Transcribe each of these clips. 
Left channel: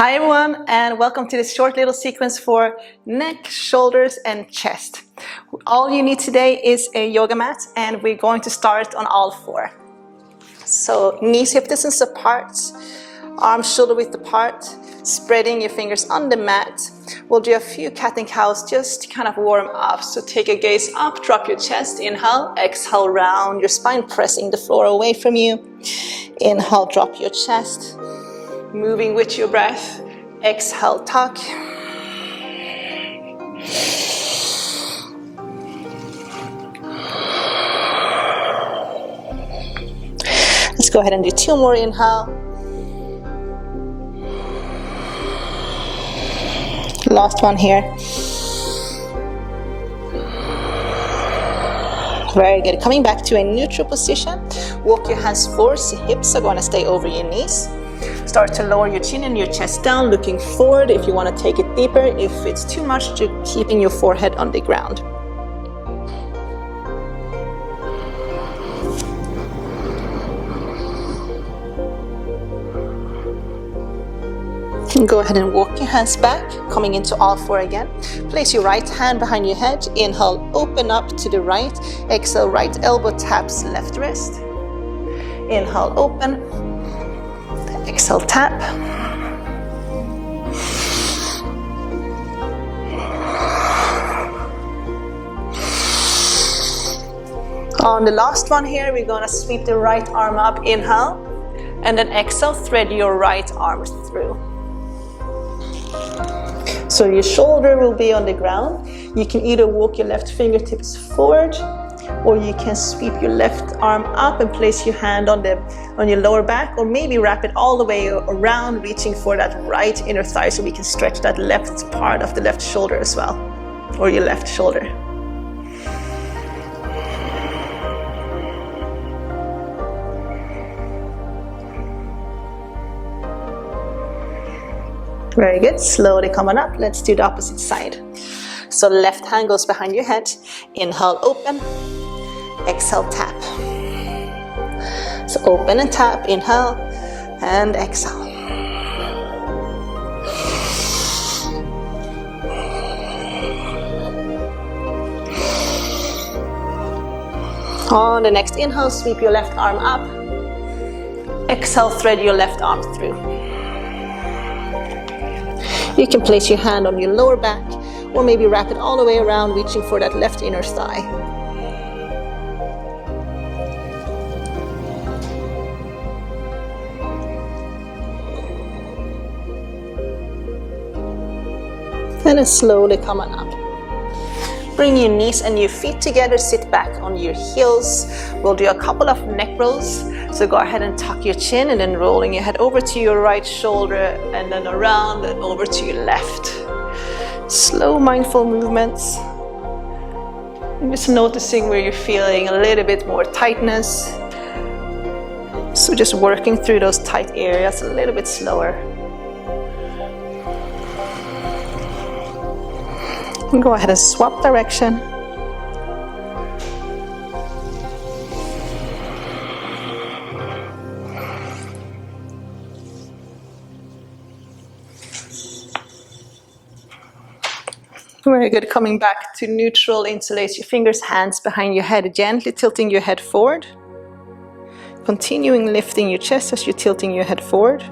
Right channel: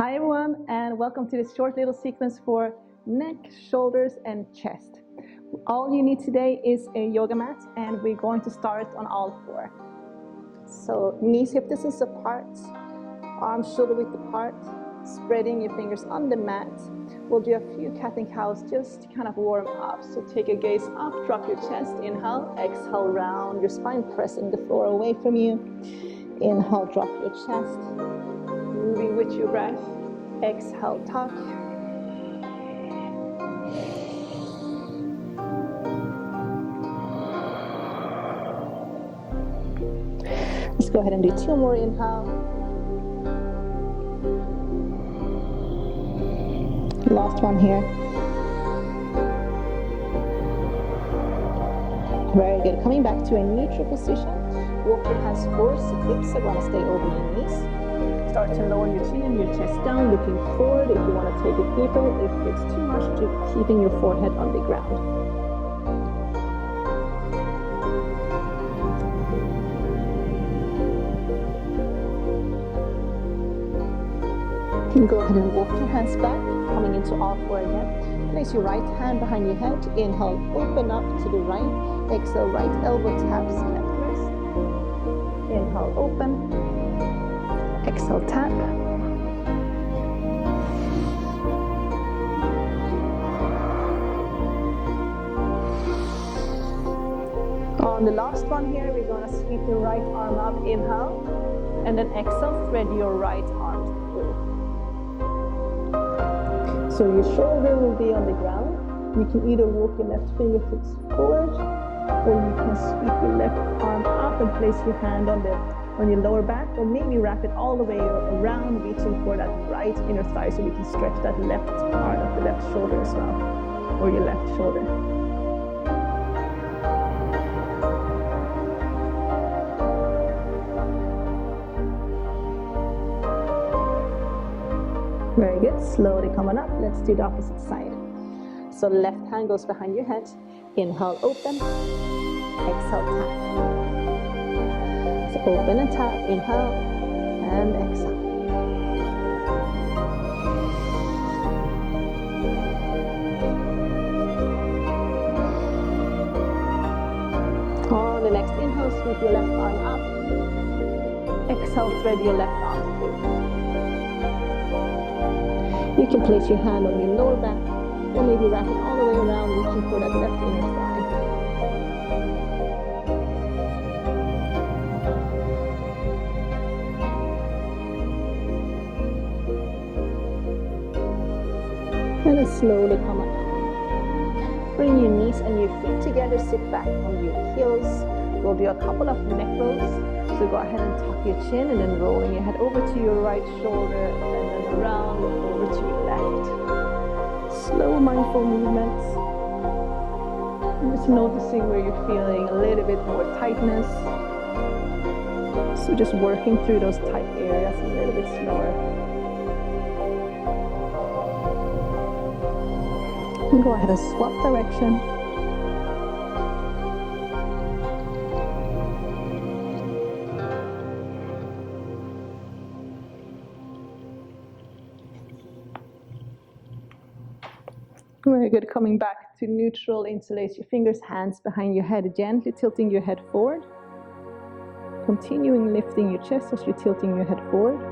Hi everyone, and welcome to this short little sequence for neck, shoulders and chest. All you need today is a yoga mat, and we're going to start on all four. So knees hip distance apart, arms shoulder width apart, spreading your fingers on the mat. We'll do a few cat and cows just to kind of warm up. So take your gaze up, drop your chest, inhale, exhale, round your spine, pressing the floor away from you. Inhale, drop your chest. Moving with your breath, exhale, tuck. Let's go ahead and do two more inhale. Last one here. Very good. Coming back to a neutral position. Walk your hands forward, hips are going to stay over your knees. Start to lower your chin and your chest down, looking forward if you want to take it deeper. If it's too much, to keeping your forehead on the ground. And go ahead and walk your hands back, coming into all four again. Place your right hand behind your head. Inhale, open up to the right. Exhale, right elbow taps left wrist. Inhale, open. Exhale, tap. On the last one here, we're going to sweep the right arm up, inhale, and then exhale, thread your right arm through. So your shoulder will be on the ground. You can either walk your left fingertips forward, or you can sweep your left arm up and place your hand on your lower back, or maybe wrap it all the way around, reaching for that right inner thigh so we can stretch that left part of the left shoulder as well, or your left shoulder. Very good. Slowly coming up. Let's do the opposite side. So left hand goes behind your head. Inhale, open. Exhale, tap. So open and tap. Inhale and exhale. On the next inhale, sweep your left arm up. Exhale, thread your left arm through. You can place your hand on your lower back, or maybe wrap it all the way around, reaching for that left inner thigh. And then slowly coming up. Bring your knees and your feet together, sit back on your heels. We'll do a couple of neck rolls. So go ahead and tuck your chin, and then rolling your head over to your right shoulder, and then around and over to your left. Slow, mindful movements. And just noticing where you're feeling a little bit more tightness. So just working through those tight areas a little bit slower. And go ahead and swap direction. Very good. Coming back to neutral, interlace your fingers, hands behind your head, gently tilting your head forward. Continuing lifting your chest as you're tilting your head forward.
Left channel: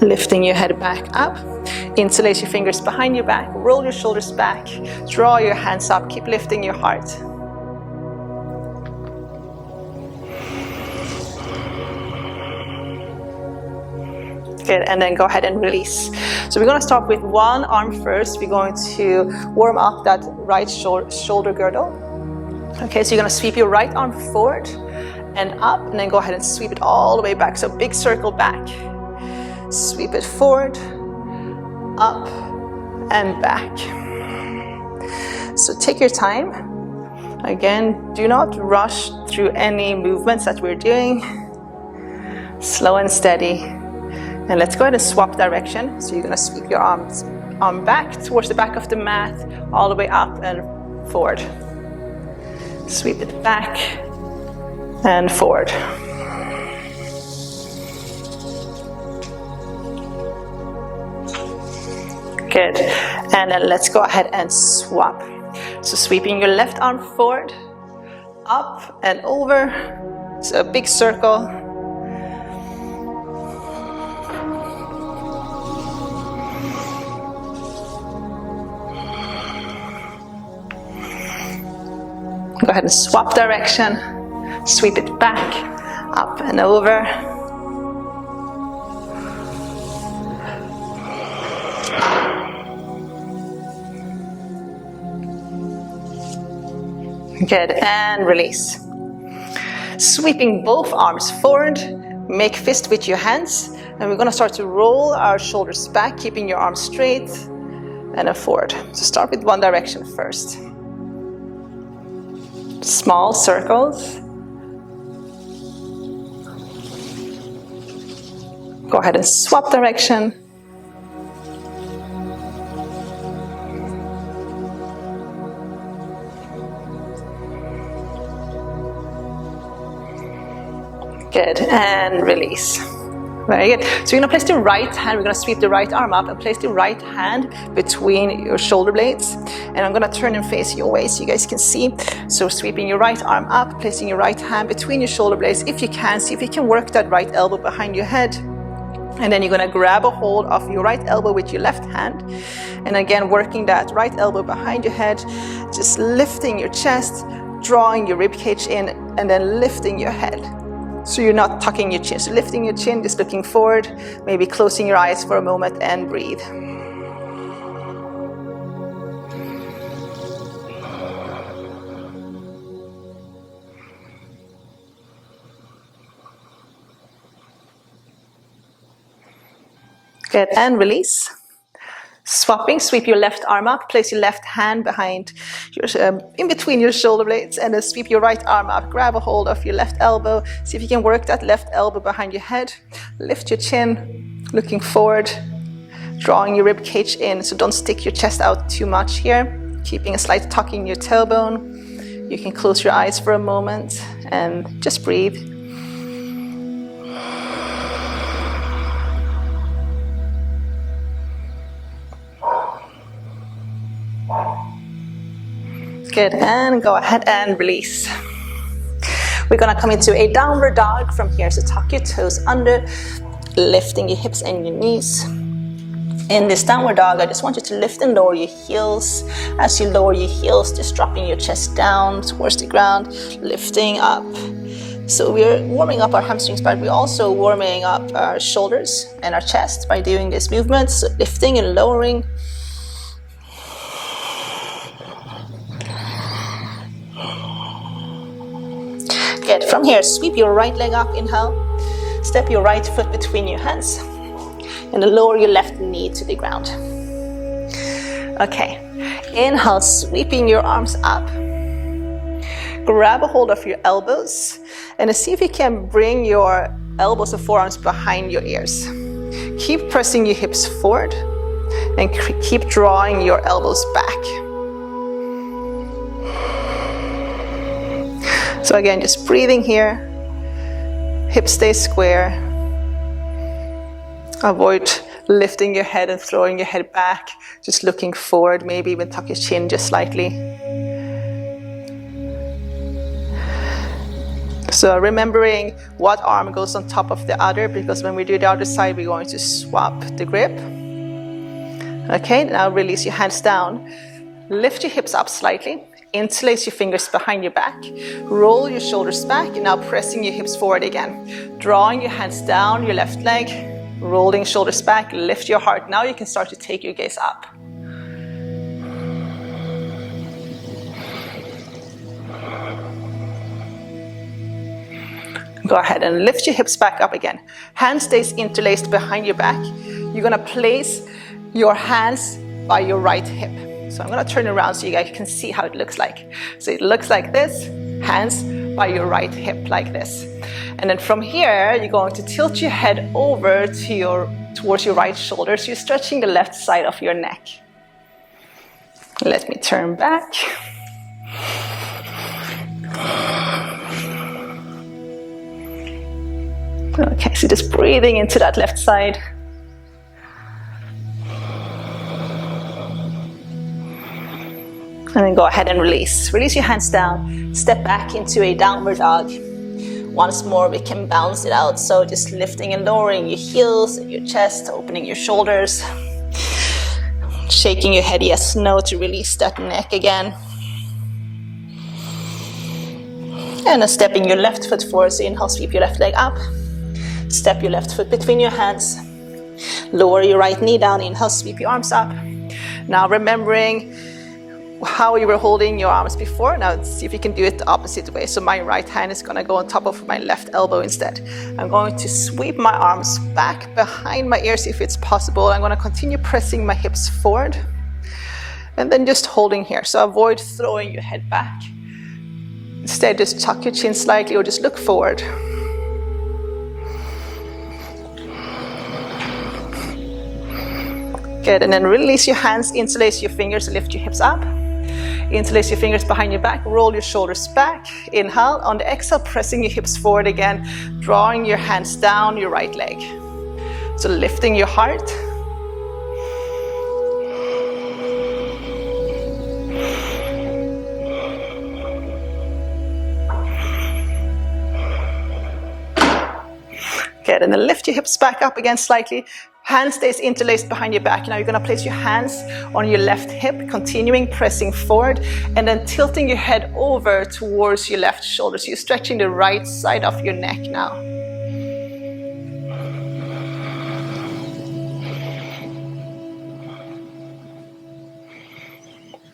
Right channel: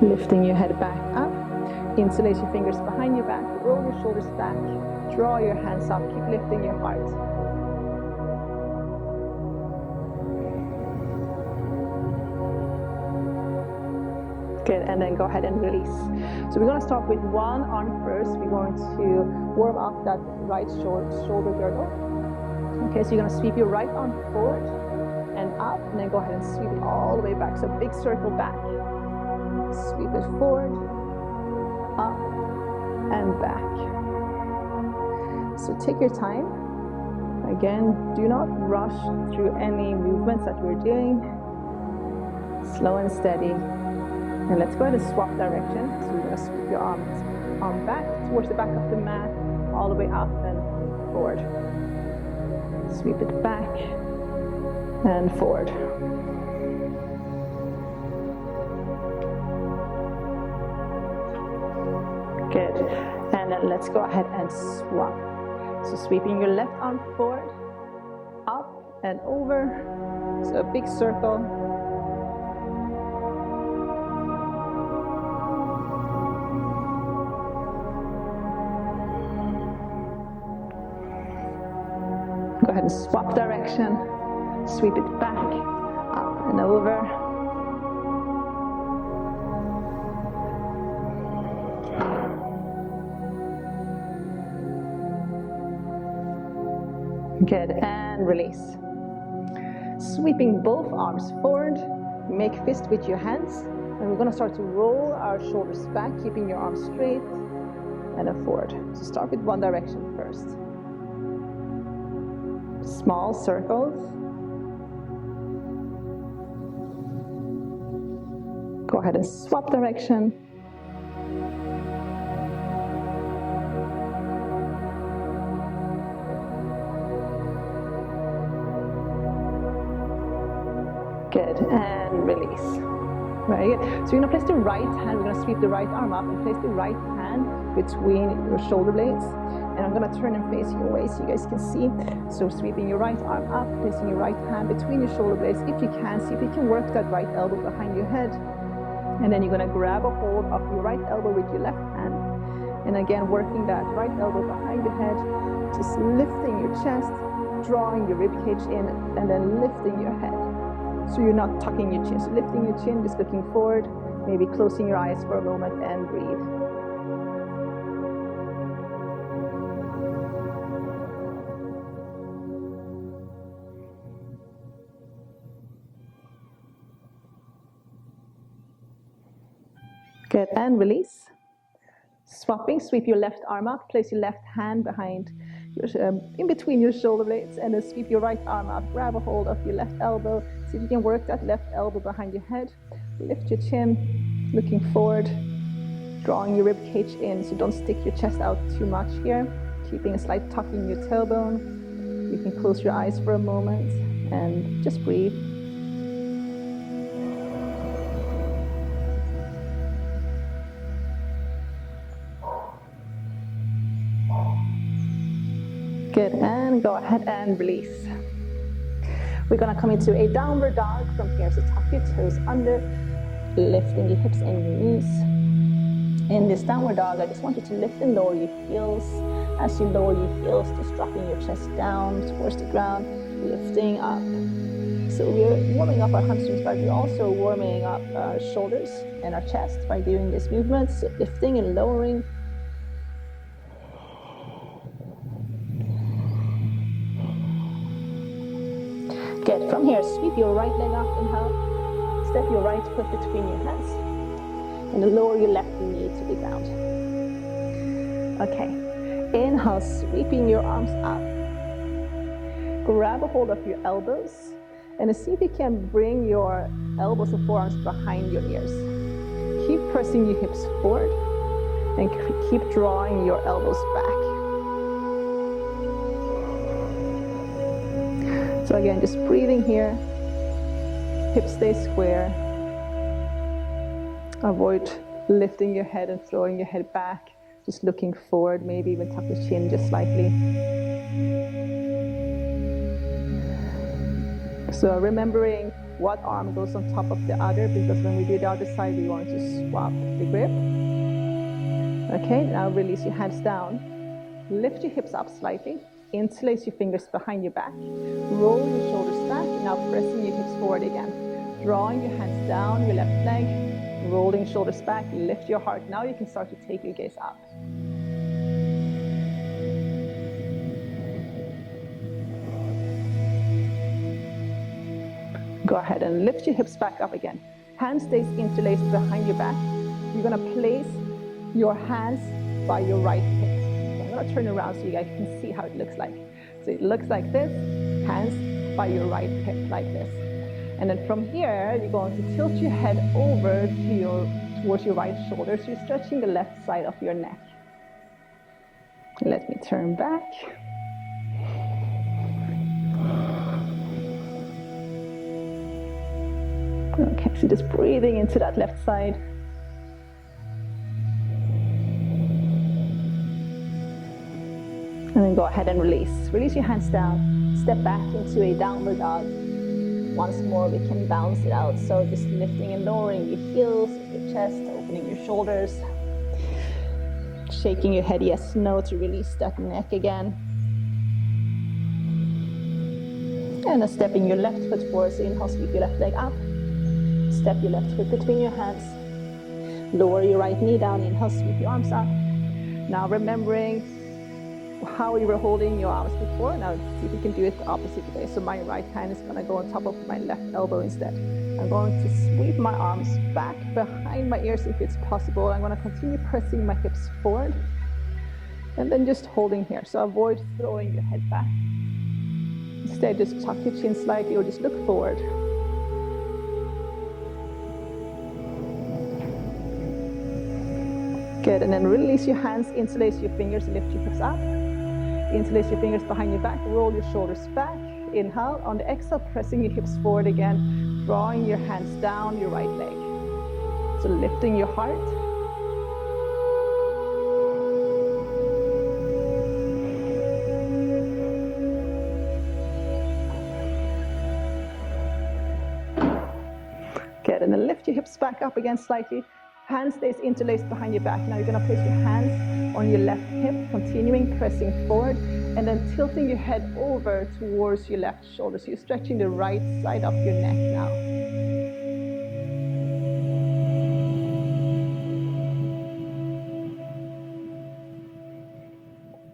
Lifting your head back up. Interlace your fingers behind your back. Roll your shoulders back. Draw your hands up. Keep lifting your heart. Good, and then go ahead and release. So we're going to start with one arm first. We're going to warm up that right shoulder girdle. Okay, so you're going to sweep your right arm forward and up, and then go ahead and sweep it all the way back. So big circle back. Sweep it forward, up, and back. So take your time. Again, do not rush through any movements that we're doing. Slow and steady. And let's go ahead and swap direction. So you're going to sweep your arm back towards the back of the mat, all the way up and forward. Sweep it back and forward. Good. And then let's go ahead and swap. So sweeping your left arm forward, up and over. So a big circle. Go ahead and swap direction. Sweep it back, up and over. Good, and release. Sweeping both arms forward, make fist with your hands, and we're gonna start to roll our shoulders back, keeping your arms straight, and then forward. So start with one direction first. Small circles. Go ahead and swap direction. Good, and release. Very good. So you're gonna place the right hand, we're gonna sweep the right arm up and place the right hand between your shoulder blades. And I'm gonna turn and face your way so you guys can see. So sweeping your right arm up, placing your right hand between your shoulder blades. If you can, see if you can work that right elbow behind your head. And then you're gonna grab a hold of your right elbow with your left hand. And again, working that right elbow behind your head, just lifting your chest, drawing your rib cage in, and then lifting your head. So you're not tucking your chin, so lifting your chin, just looking forward, maybe closing your eyes for a moment and breathe. Good, and release. Swapping, sweep your left arm up, place your left hand behind in between your shoulder blades, and then sweep your right arm up, grab a hold of your left elbow, see if you can work that left elbow behind your head, lift your chin, looking forward, drawing your rib cage in, so don't stick your chest out too much here, keeping a slight tuck in your tailbone. You can close your eyes for a moment and just breathe. Good, and go ahead and release. We're gonna come into a downward dog from here, so tuck your toes under, lifting your hips and your knees. In this downward dog, I just want you to lift and lower your heels. As you lower your heels, just dropping your chest down towards the ground, lifting up. So we're warming up our hamstrings, but we're also warming up our shoulders and our chest by doing this movement, so lifting and lowering. Good. From here, sweep your right leg up, inhale. Step your right foot between your hands. And then lower your left knee to the ground. Okay. Inhale, sweeping your arms up. Grab a hold of your elbows. And see if you can bring your elbows and forearms behind your ears. Keep pressing your hips forward. And keep drawing your elbows back. So again, just breathing here, hips stay square. Avoid lifting your head and throwing your head back, just looking forward, maybe even tuck your chin just slightly. So remembering what arm goes on top of the other, because when we do the other side, we're going to swap the grip. Okay, now release your hands down. Lift your hips up slightly. Interlace your fingers behind your back, roll your shoulders back, and now pressing your hips forward again. Drawing your hands down your left leg, rolling shoulders back, lift your heart. Now you can start to take your gaze up. Go ahead and lift your hips back up again. Hand stays interlaced behind your back. You're gonna place your hands by your right hip. So I'm gonna turn around so you guys can see how it looks like. So it looks like this, hands by your right hip like this. And then from here, you're going to tilt your head over to towards your right shoulder. So you're stretching the left side of your neck. Let me turn back. Okay, so just breathing into that left side. And then go ahead and release. Release your hands down. Step back into a downward dog. Once more, we can bounce it out. So just lifting and lowering your heels and your chest, opening your shoulders. Shaking your head yes, no to release that neck again. And then stepping your left foot forward. So inhale, sweep your left leg up. Step your left foot between your hands. Lower your right knee down. Inhale, sweep your arms up. Now remembering how you were holding your arms before. Now let's see if you can do it the opposite way. So my right hand is gonna go on top of my left elbow instead. I'm going to sweep my arms back behind my ears if it's possible. I'm gonna continue pressing my hips forward and then just holding here. So avoid throwing your head back. Instead, just tuck your chin slightly or just look forward. Good, and then release your hands, interlace your fingers, lift your hips up. Interlace your fingers behind your back, roll your shoulders back. Inhale, on the exhale, pressing your hips forward again, drawing your hands down your right leg. So lifting your heart. Good, and then lift your hips back up again slightly. Hand stays interlaced behind your back. Now you're gonna place your hands on your left hip, continuing pressing forward, and then tilting your head over towards your left shoulder. So you're stretching the right side of your neck now.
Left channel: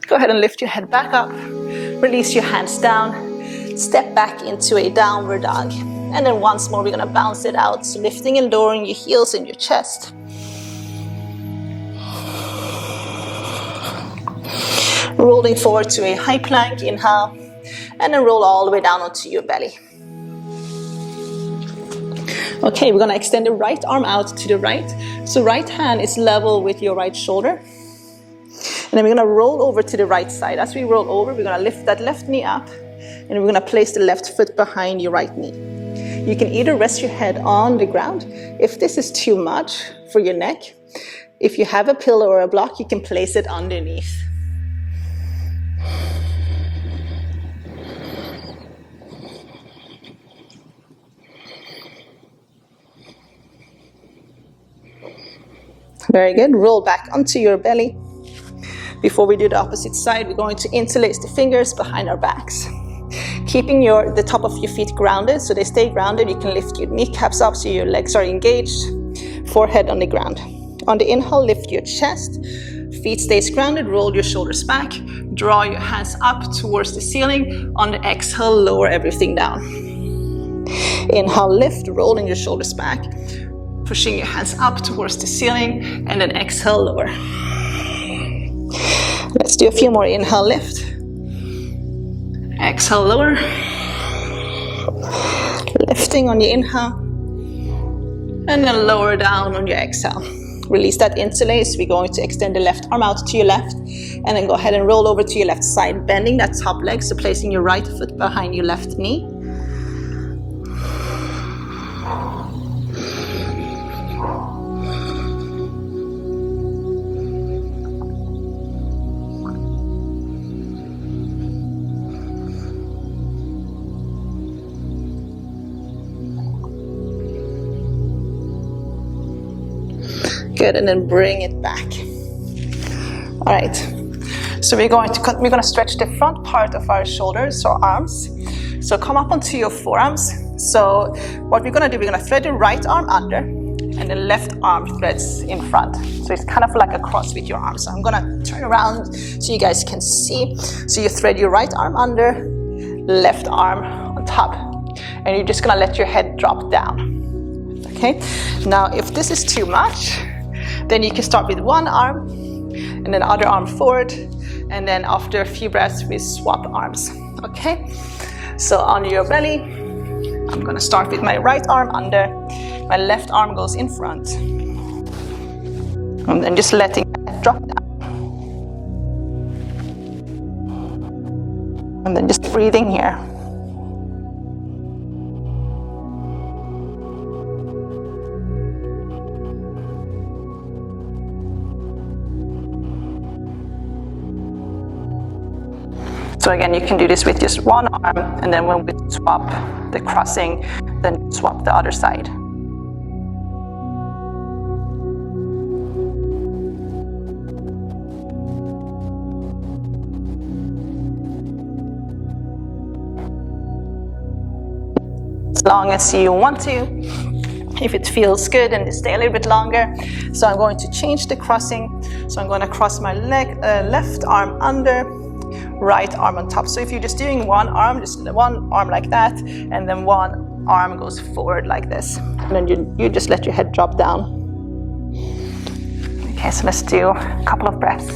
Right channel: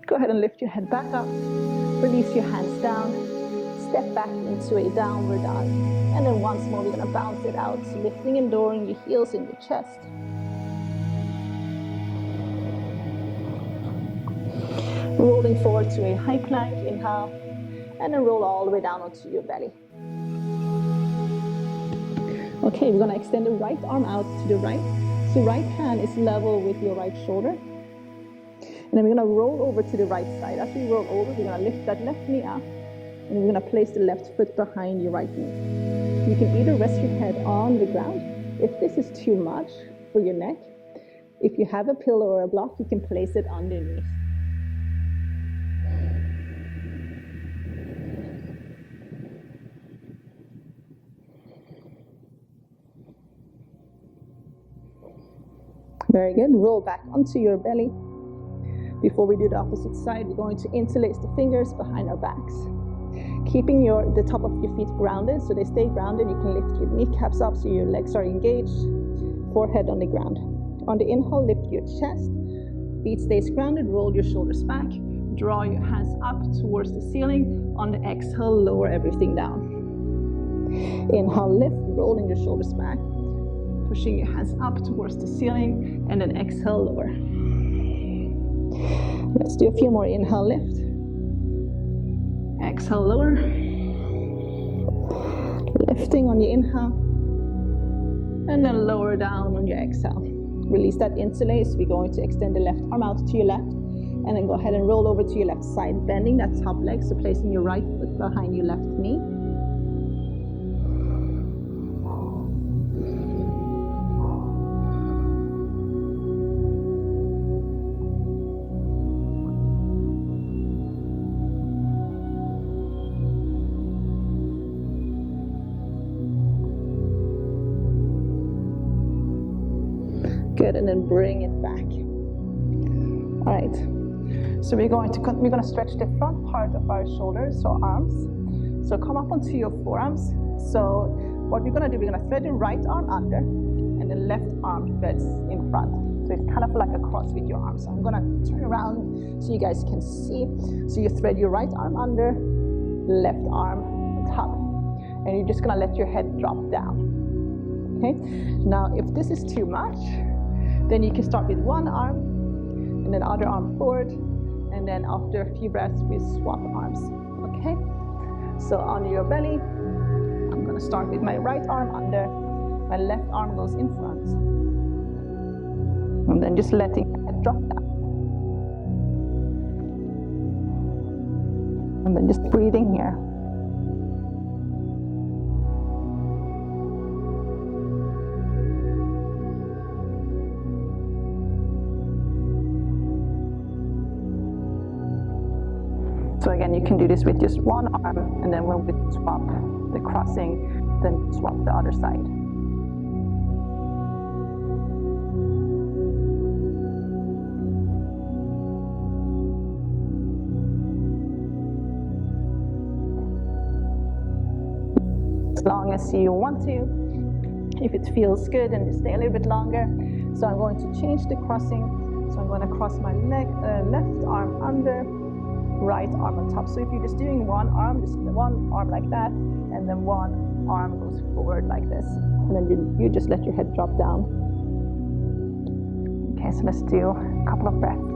Go ahead and lift your head back up. Release your hands down. Step back into a downward dog. And then once more, we're gonna bounce it out. So lifting and lowering your heels in your chest. Rolling forward to a high plank, inhale, and then roll all the way down onto your belly. Okay, we're gonna extend the right arm out to the right. So right hand is level with your right shoulder. And then we're gonna roll over to the right side. As we roll over, we're gonna lift that left knee up, and we're gonna place the left foot behind your right knee. You can either rest your head on the ground. If this is too much for your neck, if you have a pillow or a block, you can place it underneath. Very good. Roll back onto your belly. Before we do the opposite side, we're going to interlace the fingers behind our backs. Keeping the top of your feet grounded, so they stay grounded. You can lift your kneecaps up so your legs are engaged, forehead on the ground. On the inhale, lift your chest, feet stays grounded, roll your shoulders back, draw your hands up towards the ceiling. On the exhale, lower everything down. Inhale, lift, rolling your shoulders back, pushing your hands up towards the ceiling, and then exhale, lower. Let's do a few more. Inhale, lift. Exhale, lower. Lifting on your inhale. And then lower down on your exhale. Release that interlace. We're going to extend the left arm out to your left. And then go ahead and roll over to your left side, bending that top leg. So placing your right foot behind your left knee. Good, and then bring it back. All right, so we're going to stretch the front part of our shoulders, or arms. So come up onto your forearms. So what we're gonna do, we're gonna thread the right arm under, and the left arm threads in front. So it's kind of like a cross with your arms. So I'm gonna turn around so you guys can see. So you thread your right arm under, left arm on top, and you're just gonna let your head drop down. Okay, now if this is too much, then you can start with one arm and then other arm forward, and then after a few breaths we swap arms. Okay, so on your belly, I'm gonna start with my right arm under, my left arm goes in front, and then just letting it drop down, and then just breathing here. So again, you can do this with just one arm, and then when we swap the crossing, then swap the other side. As long as you want to, if it feels good, and stay a little bit longer. So I'm going to change the crossing. So I'm going to cross my left arm under, right arm on top. So if you're just doing one arm, just one arm like that, and then one arm goes forward like this. And then you just let your head drop down. Okay, so let's do a couple of breaths.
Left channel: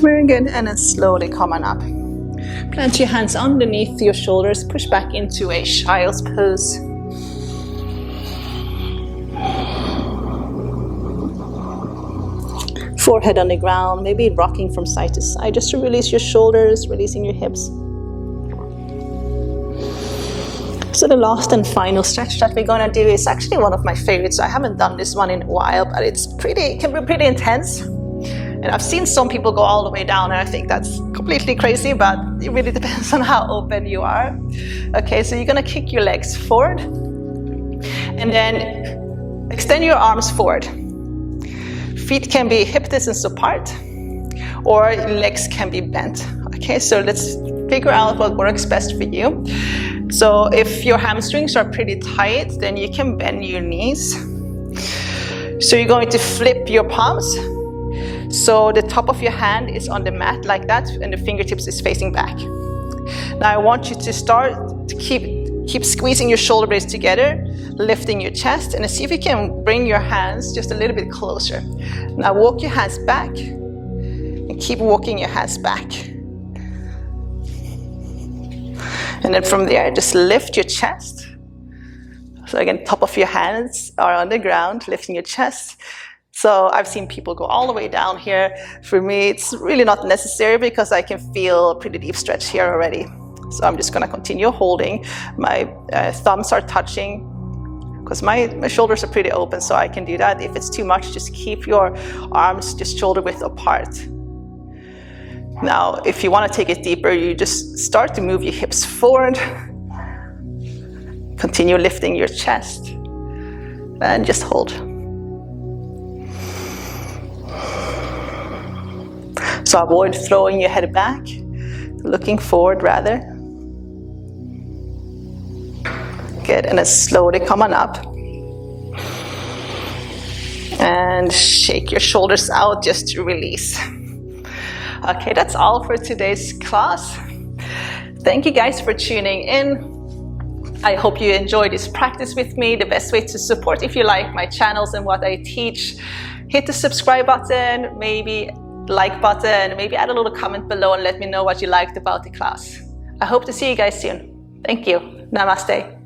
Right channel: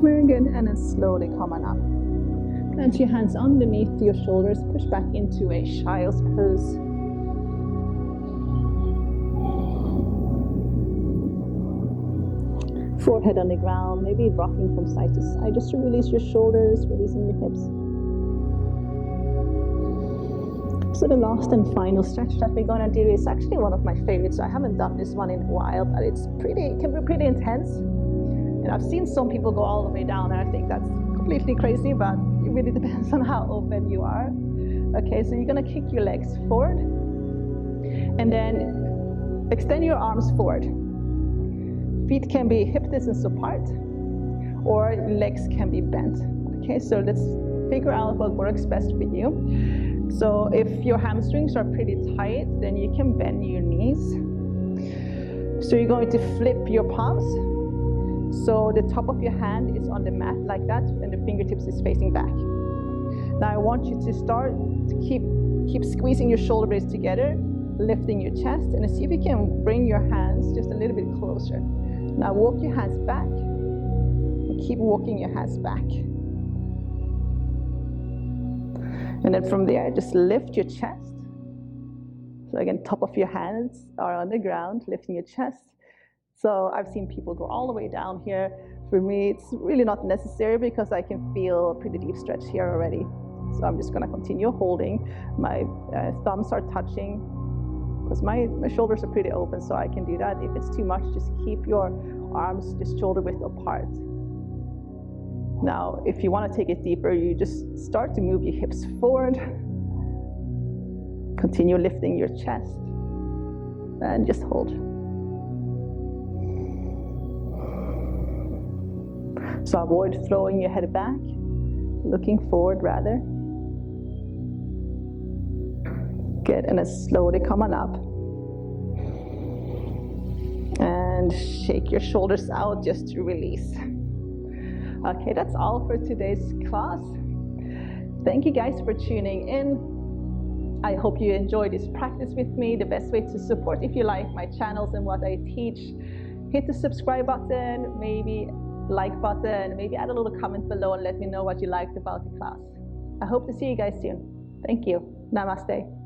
Very good, and then slowly come on up. Plant your hands underneath your shoulders, push back into a child's pose. Forehead on the ground, maybe rocking from side to side, just to release your shoulders, releasing your hips. So the last and final stretch that we're gonna do is actually one of my favorites. I haven't done this one in a while, but it can be pretty intense. And I've seen some people go all the way down, and I think that's completely crazy, but it really depends on how open you are. Okay, so you're gonna kick your legs forward, and then extend your arms forward. Feet can be hip distance apart, or legs can be bent. Okay, so let's figure out what works best for you. So if your hamstrings are pretty tight, then you can bend your knees. So you're going to flip your palms. So the top of your hand is on the mat like that, and the fingertips is facing back. Now I want you to start to keep squeezing your shoulder blades together, lifting your chest, and see if you can bring your hands just a little bit closer. Now walk your hands back, and keep walking your hands back. And then from there, just lift your chest. So again, top of your hands are on the ground, lifting your chest. So I've seen people go all the way down here. For me, it's really not necessary because I can feel a pretty deep stretch here already. So I'm just gonna continue holding. My thumbs are touching because my shoulders are pretty open, so I can do that. If it's too much, just keep your arms just shoulder width apart. Now, if you wanna take it deeper, you just start to move your hips forward. Continue lifting your chest and just hold. So avoid throwing your head back, looking forward rather. Good, and then slowly come on up. And shake your shoulders out just to release. Okay, that's all for today's class. Thank you guys for tuning in. I hope you enjoyed this practice with me. The best way to support if you like my channels and what I teach, hit the subscribe button, maybe like button, maybe add a little comment below and let me know what you liked about the class. I hope to see you guys soon. Thank you. Namaste.